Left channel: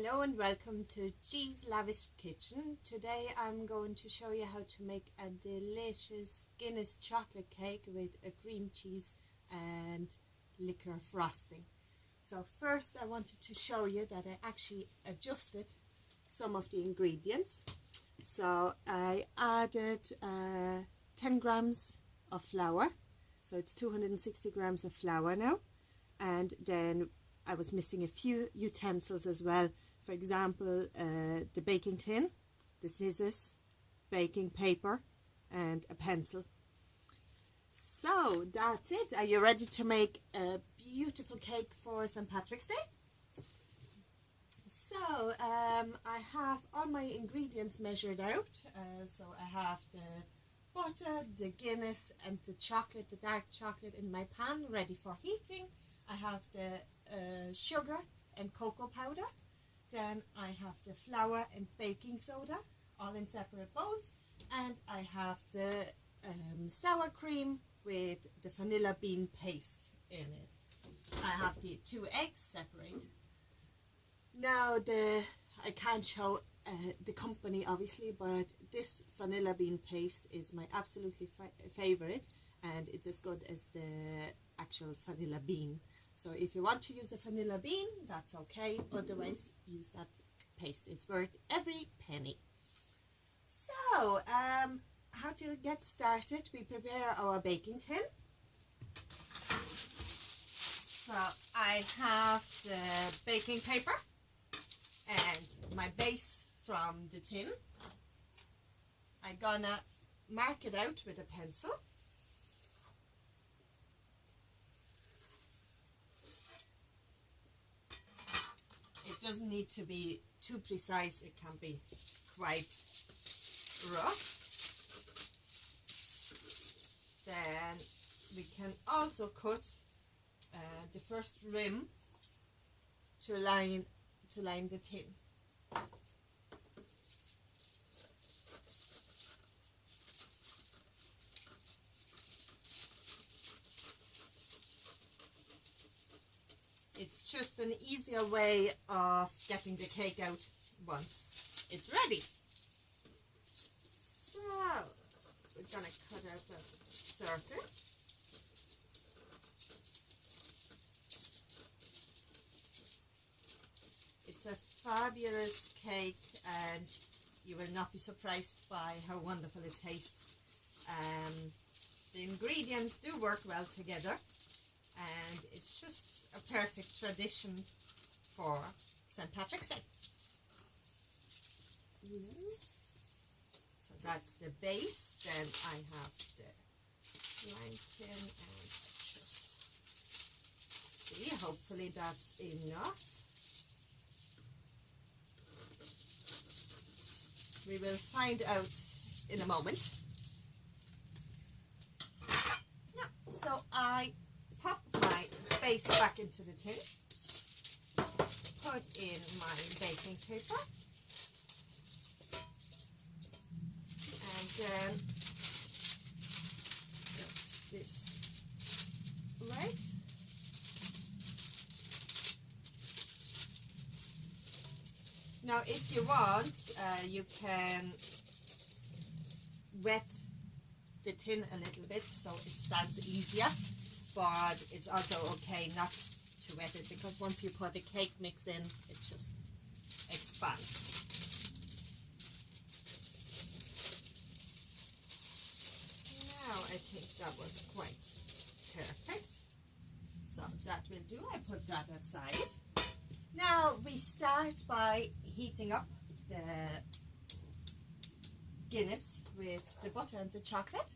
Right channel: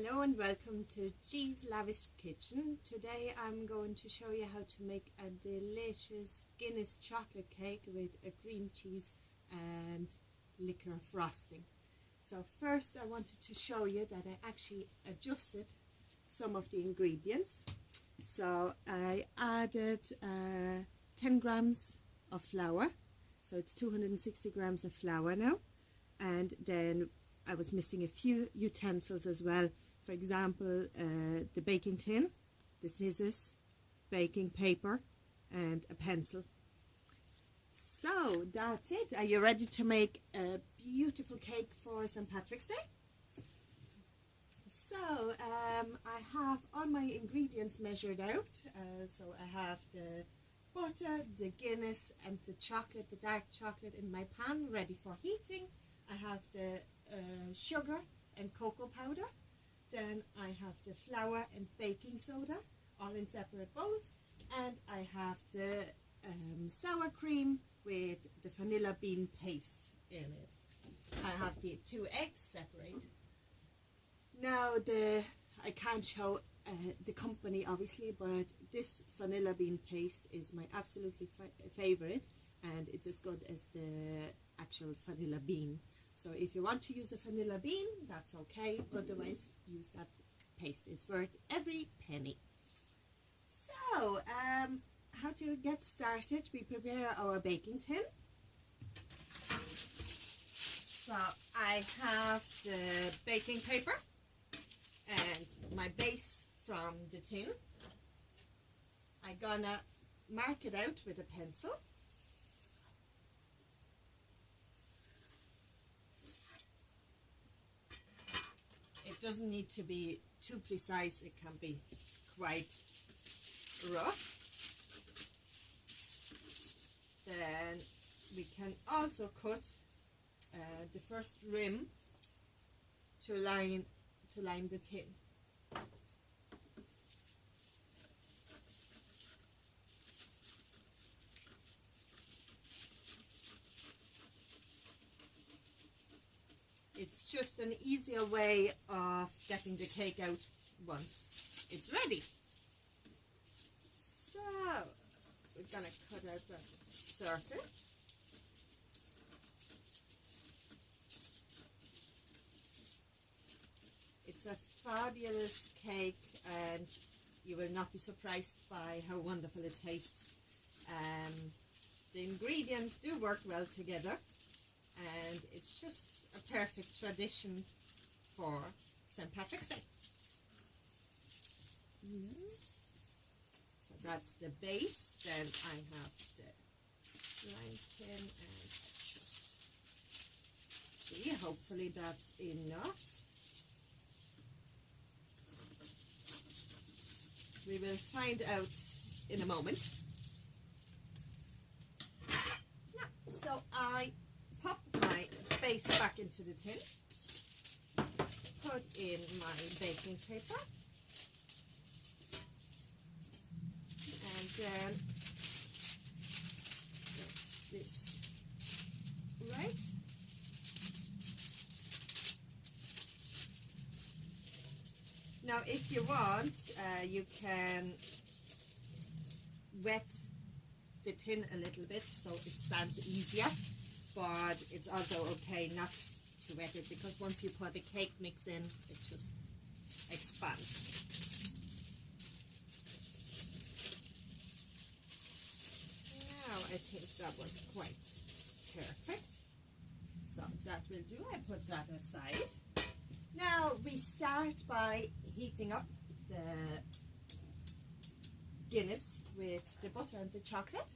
Hello and welcome to G's Lavish Kitchen. Today I'm going to show you how to make a delicious Guinness chocolate cake with a cream cheese and liqueur frosting. So first I wanted to show you that I actually adjusted some of the ingredients. So I added 10 grams of flour, so it's 260 grams of flour now, and then I was missing a few utensils as well. For example, the baking tin, the scissors, baking paper, and a pencil. So that's it. Are you ready to make a beautiful cake for St. Patrick's Day? So I have all my ingredients measured out. So I have the butter, the Guinness, and the chocolate, the dark chocolate in my pan ready for heating. I have the sugar and cocoa powder. Then I have the flour and baking soda, all in separate bowls. And I have the sour cream with the vanilla bean paste in it. I have the 2 eggs separate. Now I can't show the company obviously, but this vanilla bean paste is my absolutely favorite, and it's as good as the actual vanilla bean. So if you want to use a vanilla bean, that's okay. Otherwise, use that paste. It's worth every penny. So, how to get started? We prepare our baking tin. So I have the baking paper and my base from the tin. I'm gonna mark it out with a pencil. It doesn't need to be too precise, it can be quite rough. Then we can also cut the first rim to line the tin. It's just an easier way of getting the cake out once it's ready. So we're gonna cut out a circle. It's a fabulous cake and you will not be surprised by how wonderful it tastes. The ingredients do work well together, and it's just a perfect tradition for St. Patrick's Day. So that's the base. Then I have the line tin, and I just see, hopefully that's enough. We will find out in a moment. So I pop my base back into the tin, put in my baking paper, and then get this right. Now if you want, you can wet the tin a little bit so it stands easier, but it's also okay not to wet it, because once you put the cake mix in, it just expands. Now I think that was quite perfect, so that will do. I put that aside. Now we start by heating up the Guinness with the butter and the chocolate,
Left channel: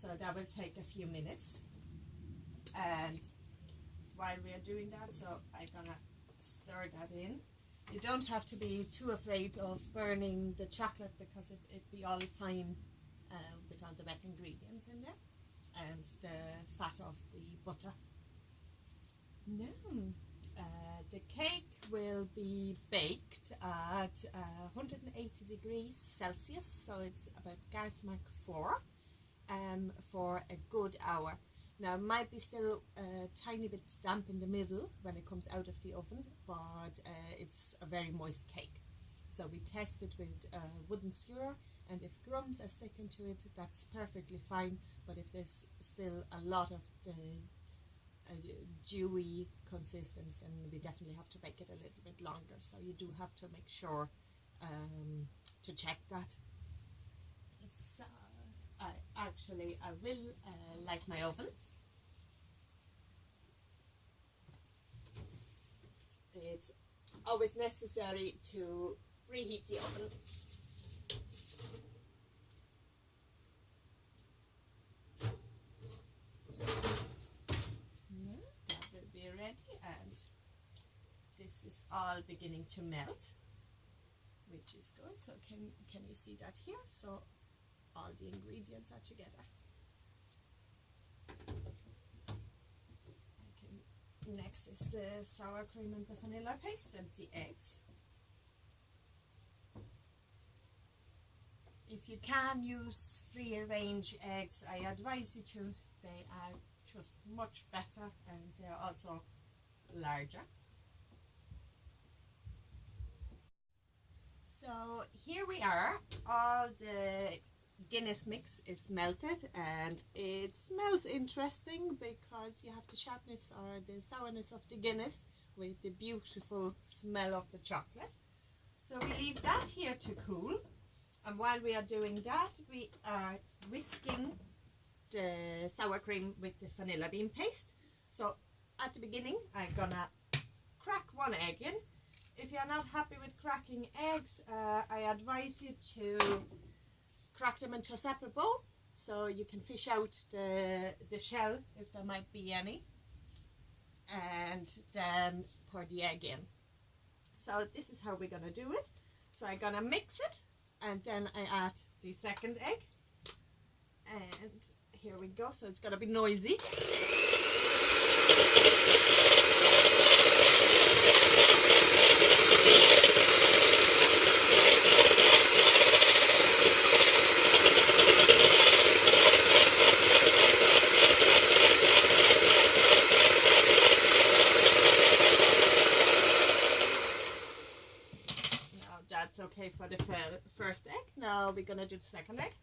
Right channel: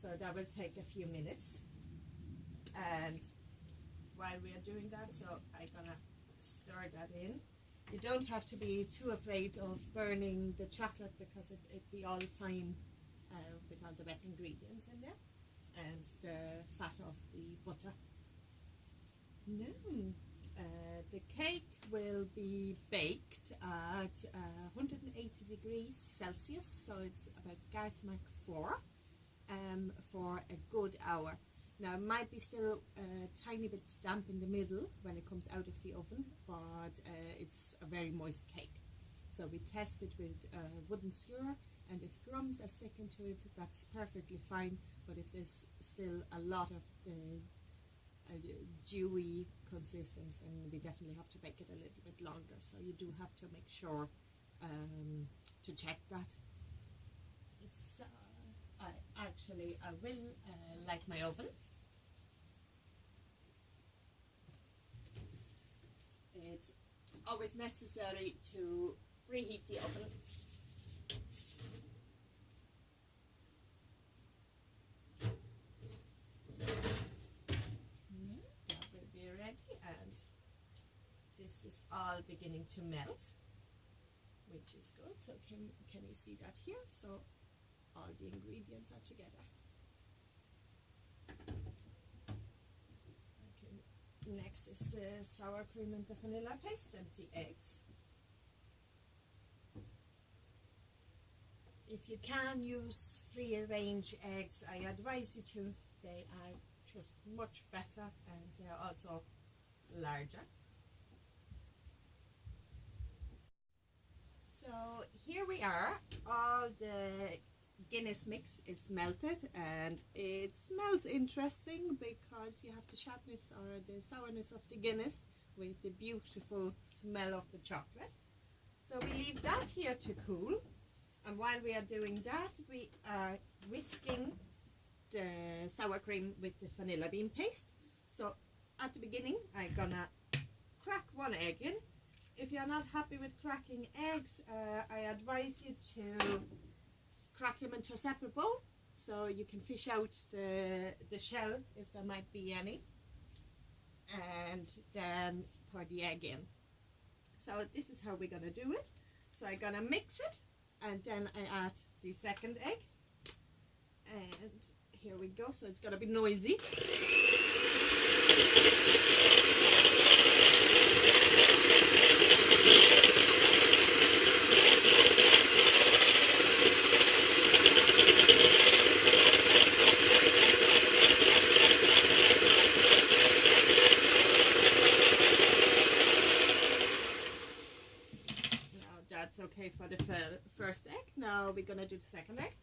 so that will take a few minutes. And while we are doing that, so I'm gonna stir that in. You don't have to be too afraid of burning the chocolate, because it be all fine with all the wet ingredients in there and the fat of the butter. Now the cake will be baked at 180 degrees Celsius, so it's about gas mark 4 for a good hour. Now it might be still a tiny bit damp in the middle when it comes out of the oven, but it's a very moist cake. So we test it with wooden skewer, and if crumbs are sticking to it, that's perfectly fine. But if there's still a lot of the dewy consistence, then we definitely have to bake it a little bit longer. So you do have to make sure to check that. So I will light my oven. It's always necessary to preheat the oven. That will be ready, and this is all beginning to melt, which is good. So can you see that here? So all the ingredients are together. Next is the sour cream and the vanilla paste and the eggs. If you can use free range eggs, I advise you to. They are just much better, and they are also larger. So here we are. All the Guinness mix is melted, and it smells interesting because you have the sharpness or the sourness of the Guinness with the beautiful smell of the chocolate. So we leave that here to cool, and while we are doing that, we are whisking the sour cream with the vanilla bean paste. So at the beginning, I'm gonna crack one egg in. If you're not happy with cracking eggs, I advise you to crack them into a separate bowl so you can fish out the shell if there might be any, and then pour the egg in. So this is how we're gonna do it. So I'm gonna mix it, and then I add the second egg, and here we go. So it's gonna be noisy. That's okay for the first egg. Now we're gonna do the second egg.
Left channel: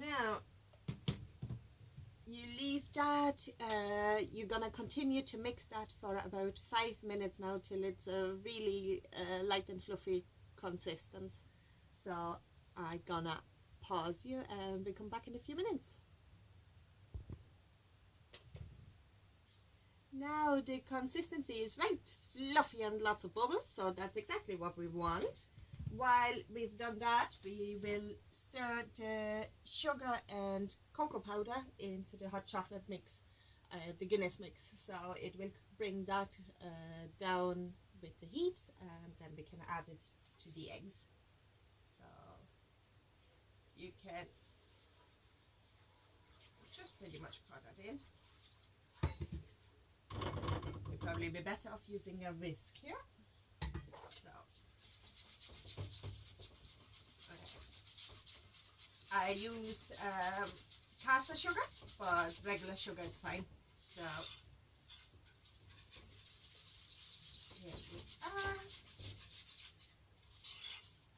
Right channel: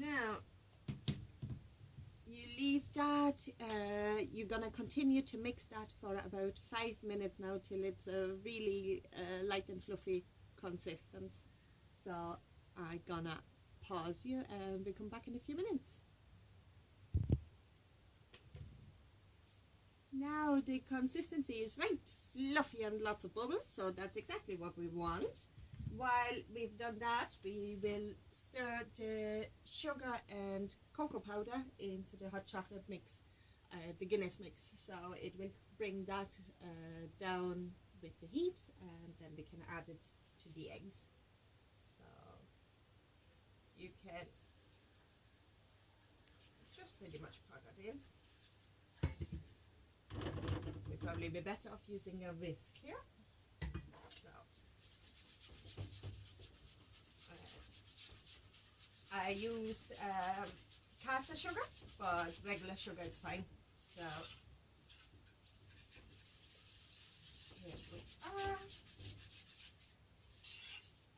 Now you leave that. You're gonna continue to mix that for about 5 minutes now till it's a really light and fluffy consistence. So I'm gonna pause you and we come back in a few minutes. Now the consistency is right fluffy and lots of bubbles, so that's exactly what we want. While we've done that, we will stir the sugar and cocoa powder into the hot chocolate mix, the Guinness mix. So it will bring that down with the heat, and then we can add it to the eggs. So you can just pretty much pour that in. You'd probably be better off using a whisk here. So I used caster sugar, but regular sugar is fine. So here we are.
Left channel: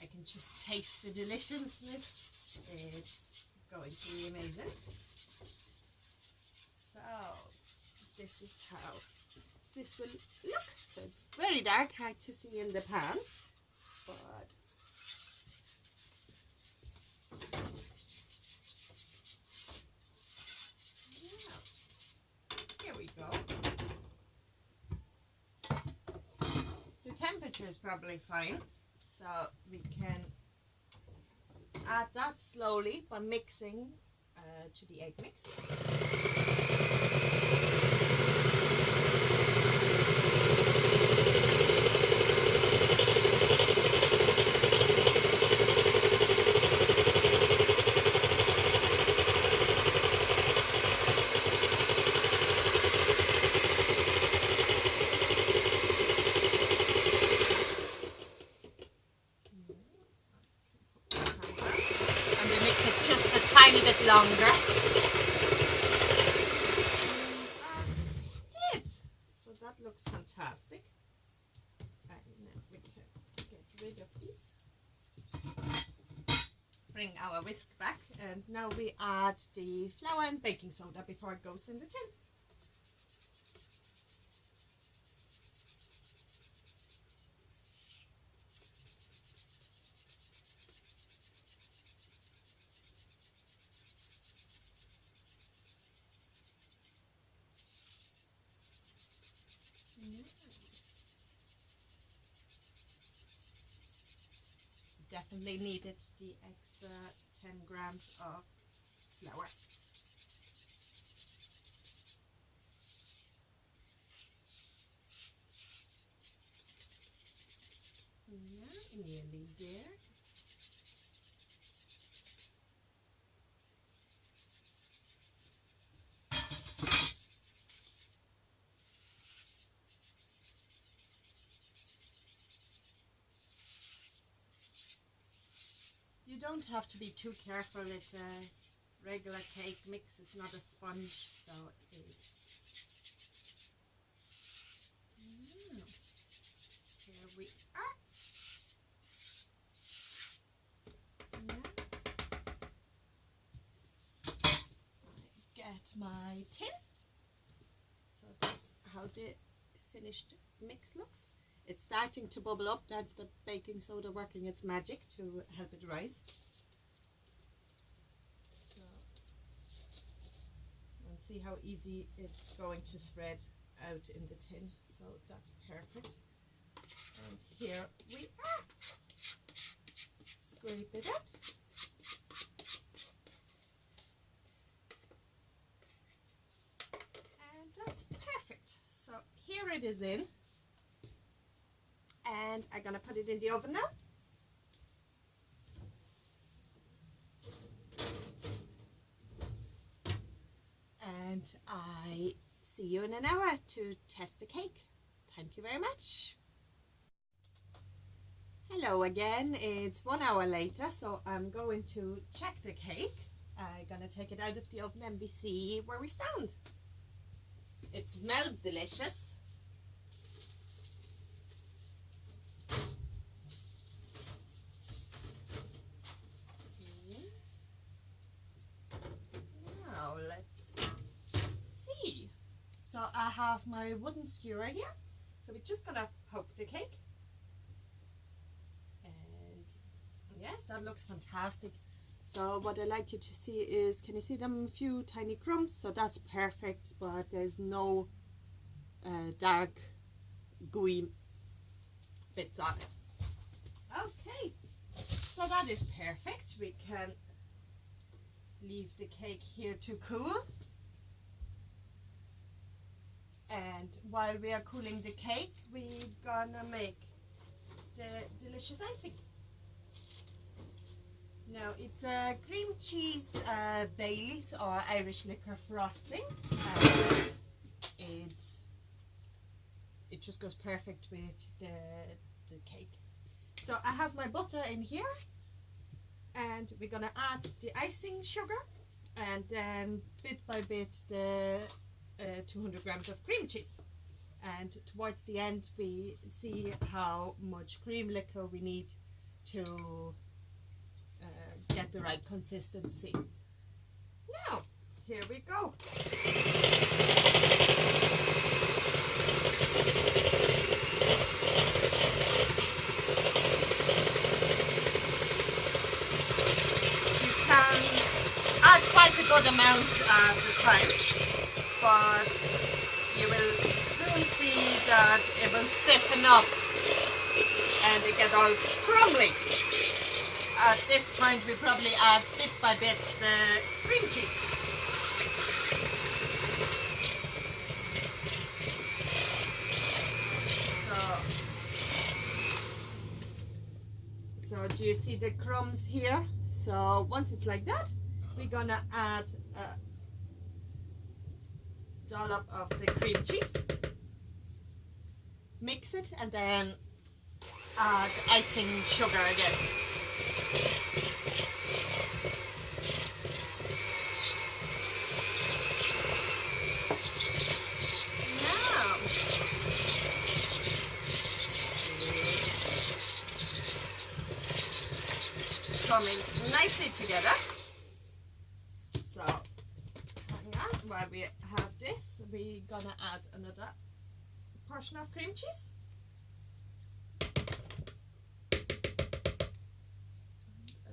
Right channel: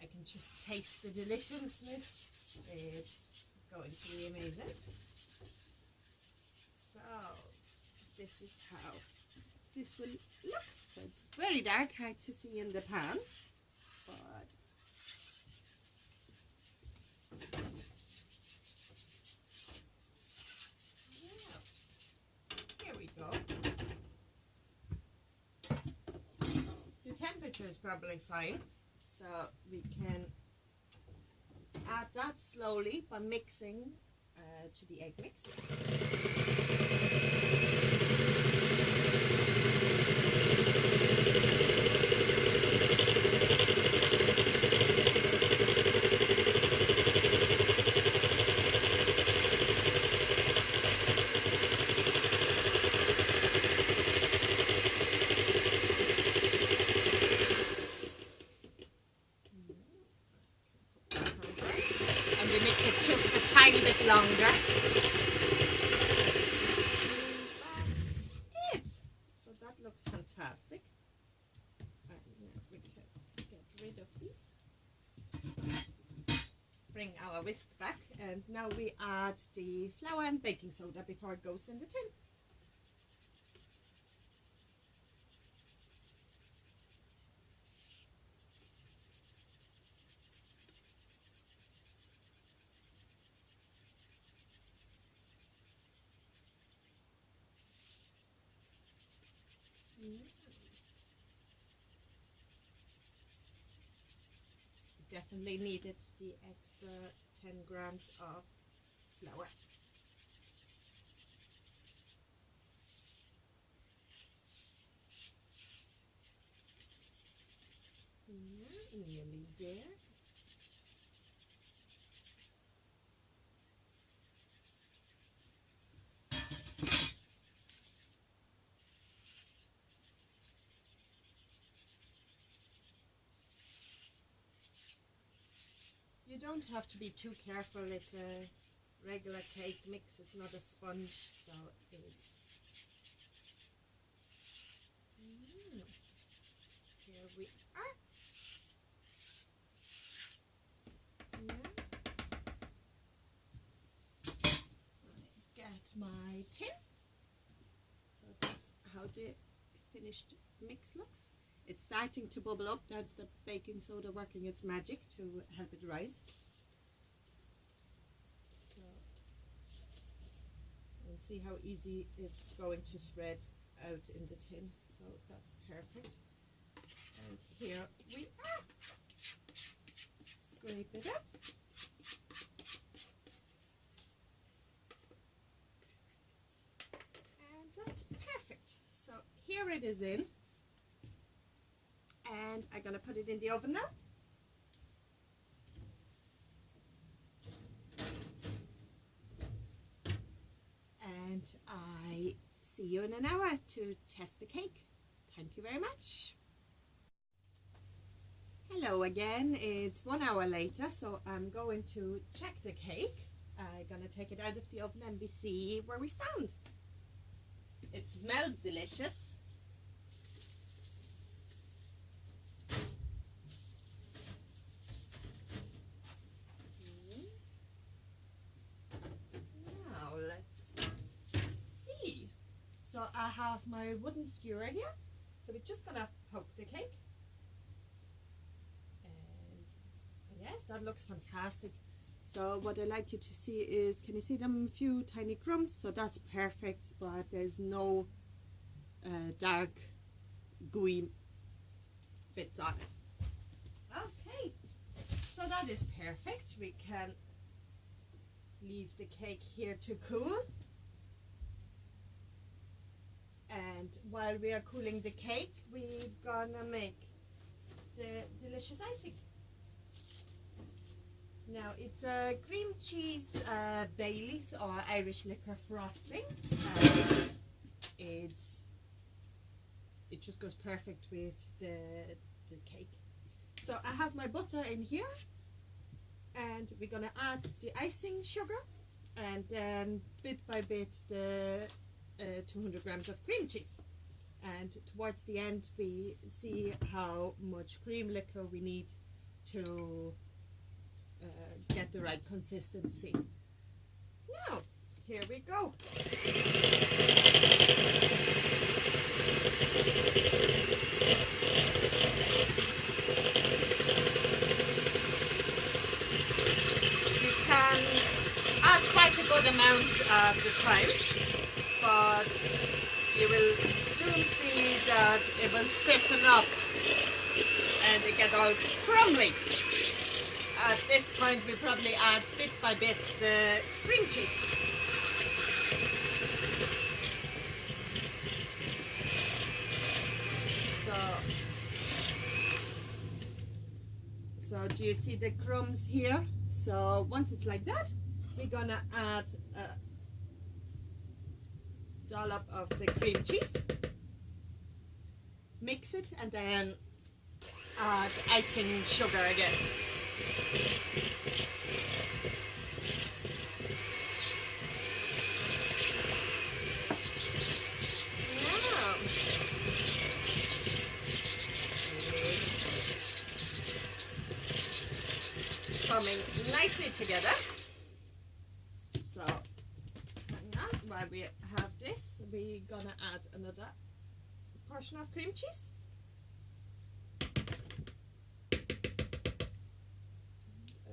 I can just taste the deliciousness. It's going to be amazing. So this is how this will look. So it's very dark, hard to see in the pan, but yeah, here we go. The temperature is probably fine, so we can add that slowly by mixing to the egg mix. longer. And that's it. So that looks fantastic. And now we can get rid of these. Bring our whisk back, and now we add the flour and baking soda before it goes in the tin. Definitely needed the extra 10 grams of flour. Yeah, nearly there. You don't have to be too careful. It's a regular cake mix. It's not a sponge, so it's... Here we are. I get my tin. So that's how the finished mix looks. It's starting to bubble up. That's the baking soda working its magic to help it rise. So, and see how easy it's going to spread out in the tin. So that's perfect. And here we are. Scrape it out. And that's perfect. So here it is in. And I'm going to put it in the oven now. And I see you in an hour to test the cake. Thank you very much. Hello again. It's 1 hour later, so I'm going to check the cake. I'm going to take it out of the oven and we see where we stand. It smells delicious. Now let's see. So I have my wooden skewer here. So we're just going to poke the cake. And yes, that looks fantastic. So what I like you to see is, can you see them few tiny crumbs? So that's perfect, but there's no dark gooey bits on it. Okay, so that is perfect. We can leave the cake here to cool. And while we are cooling the cake, we're gonna make the delicious icing. Now it's a cream cheese Baileys or Irish liqueur frosting, and it just goes perfect with the cake. So I have my butter in here, and we're gonna add the icing sugar, and then bit by bit the 200 grams of cream cheese. And towards the end we see how much cream liquor we need to get the right consistency. Now, here we go. You can add quite a good amount at the time, but you will soon see that it will stiffen up and it get all crumbly. At this point we probably add bit by bit the cream cheese. So do you see the crumbs here? So once it's like that, we're gonna add a dollop of the cream cheese, mix it, and then add icing sugar again. coming nicely together. So hang on, while we have this, we're gonna add another portion of cream cheese. And a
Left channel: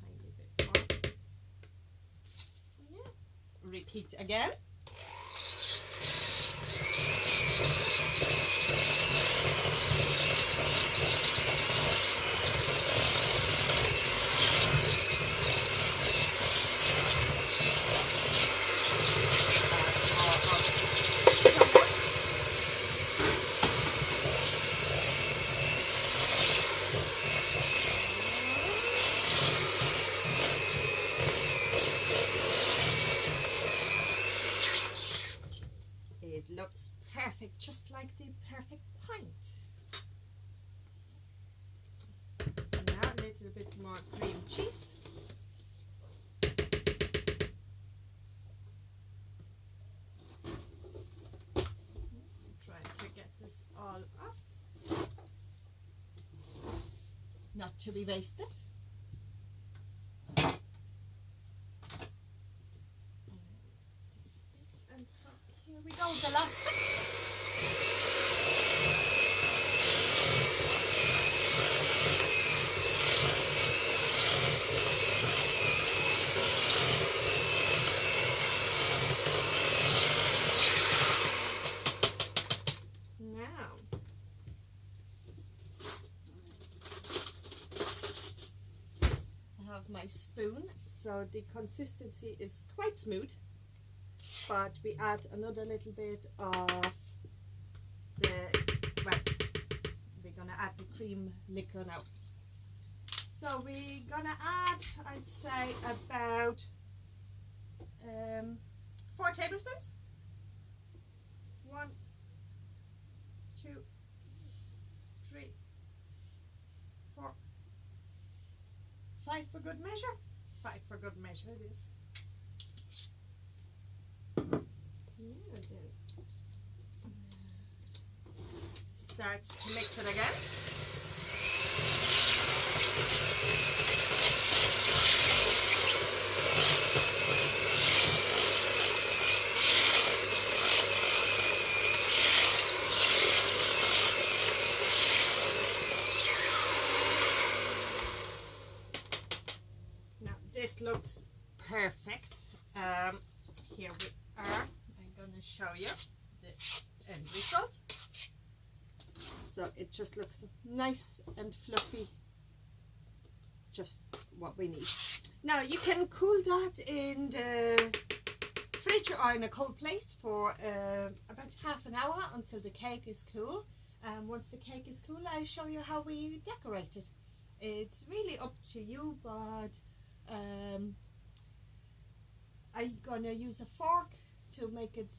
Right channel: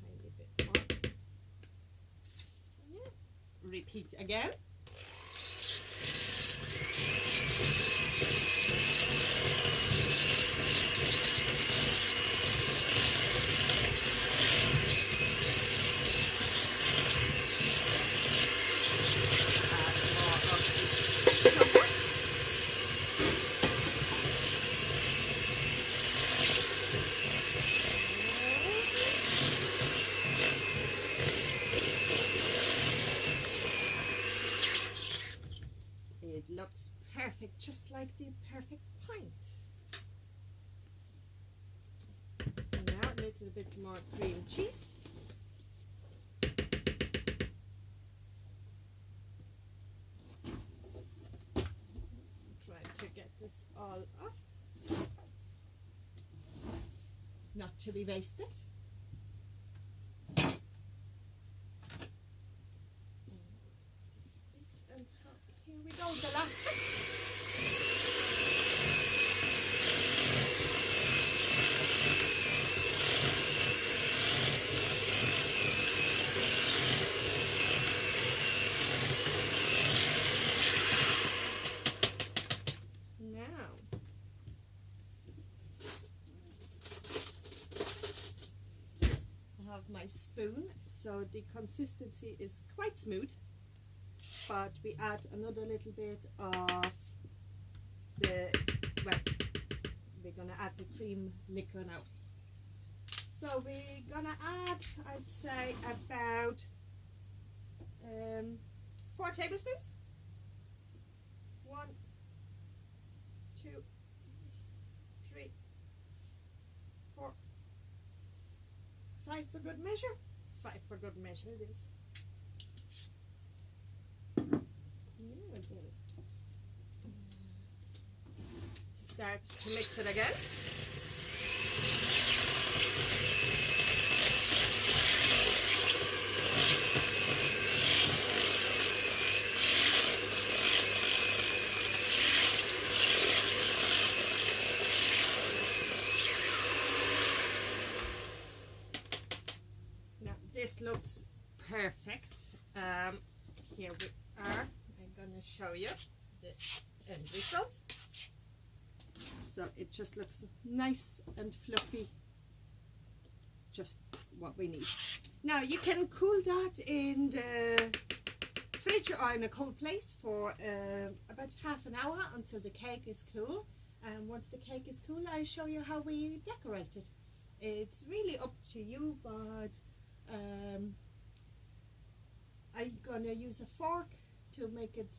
tiny bit more. Yeah. Repeat again. It looks perfect, just like the perfect pint. And now a little bit more cream cheese. Try to get this all up, not to be wasted. And so here we go, the last bit. Now, I have my spoon, so the consistency is quite smooth. But we add another little bit of the, well, we're gonna add the cream liqueur now. So we're gonna add, I'd say, about 4 tablespoons. 1, 2, 3, 4, 5 for good measure. 5 for good measure it is. Start to mix it again. Now this looks perfect. Here we are. I'm going to show you the end result. So it just looks nice and fluffy, just what we need. Now you can cool that in the fridge or in a cold place for about half an hour until the cake is cool. Once the cake is cool, I'll show you how we decorate it. It's really up to you, but I'm gonna use a fork to make it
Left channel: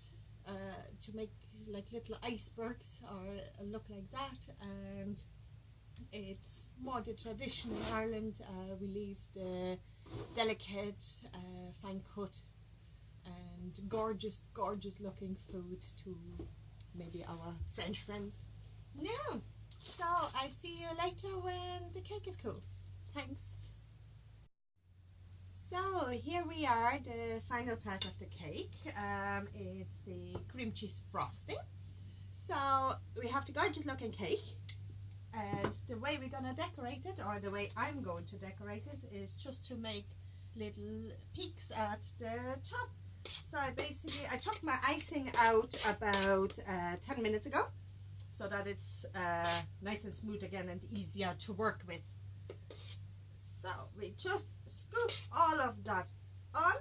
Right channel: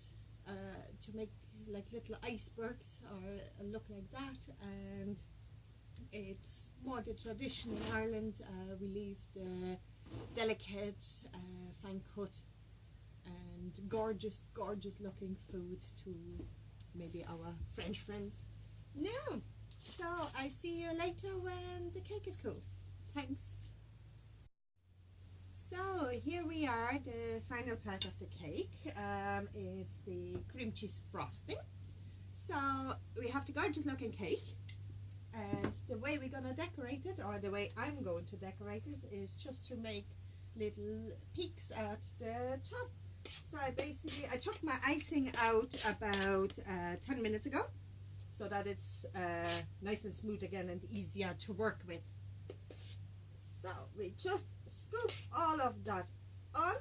like little icebergs or look like that, and it's more the tradition in Ireland. We leave the delicate fine cut and gorgeous looking food to maybe our French friends. No, so I see you later when the cake is cool. Thanks. So here we are, the final part of the cake. It's the cream cheese frosting. So we have the gorgeous looking cake, and the way we're gonna decorate it, or the way I'm going to decorate it, is just to make little peaks at the top. So I took my icing out about 10 minutes ago, so that it's nice and smooth again and easier to work with. So we just scoop all of that on,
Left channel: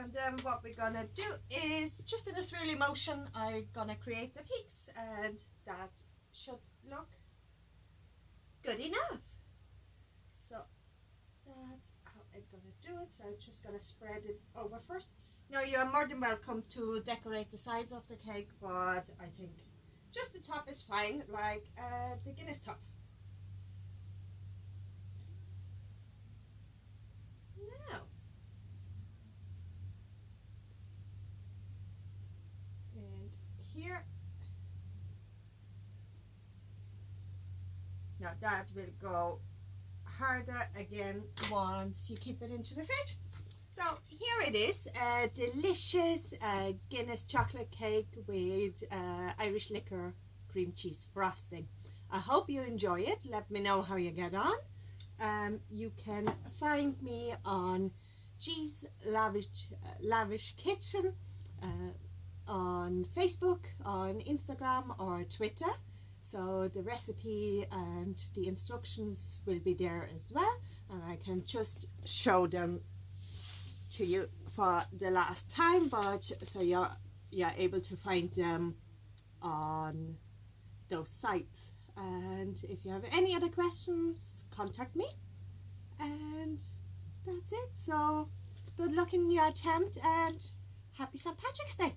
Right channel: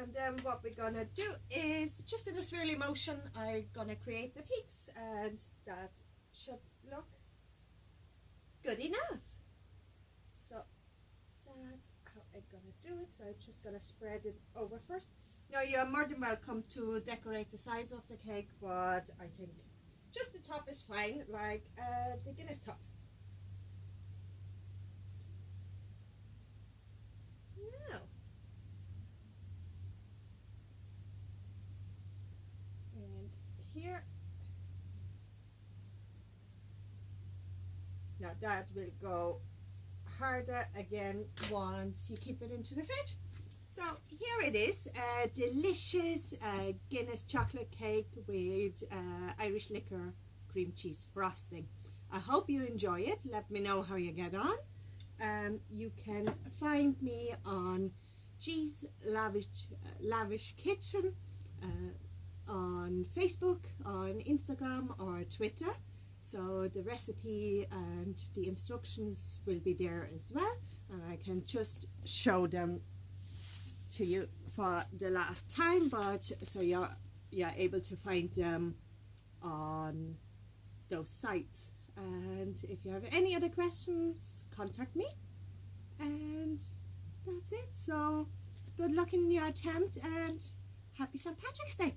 and then what we're gonna do is, just in a swirly motion, I'm gonna create the peaks, and that should look good enough. So that's how I'm gonna do it. So I'm just gonna spread it over first. Now you are more than welcome to decorate the sides of the cake, but I think just the top is fine, like the Guinness top. Here, now that will go harder again once you keep it into the fridge. So here it is, a delicious Guinness chocolate cake with Irish liqueur cream cheese frosting. I hope you enjoy it. Let me know how you get on. You can find me on G's Lavish Kitchen on Facebook, on Instagram or Twitter. So the recipe and the instructions will be there as well, and I can just show them to you for the last time, but so you're able to find them on those sites. And if you have any other questions, contact me, and that's it. So good luck in your attempt and happy St. Patrick's Day.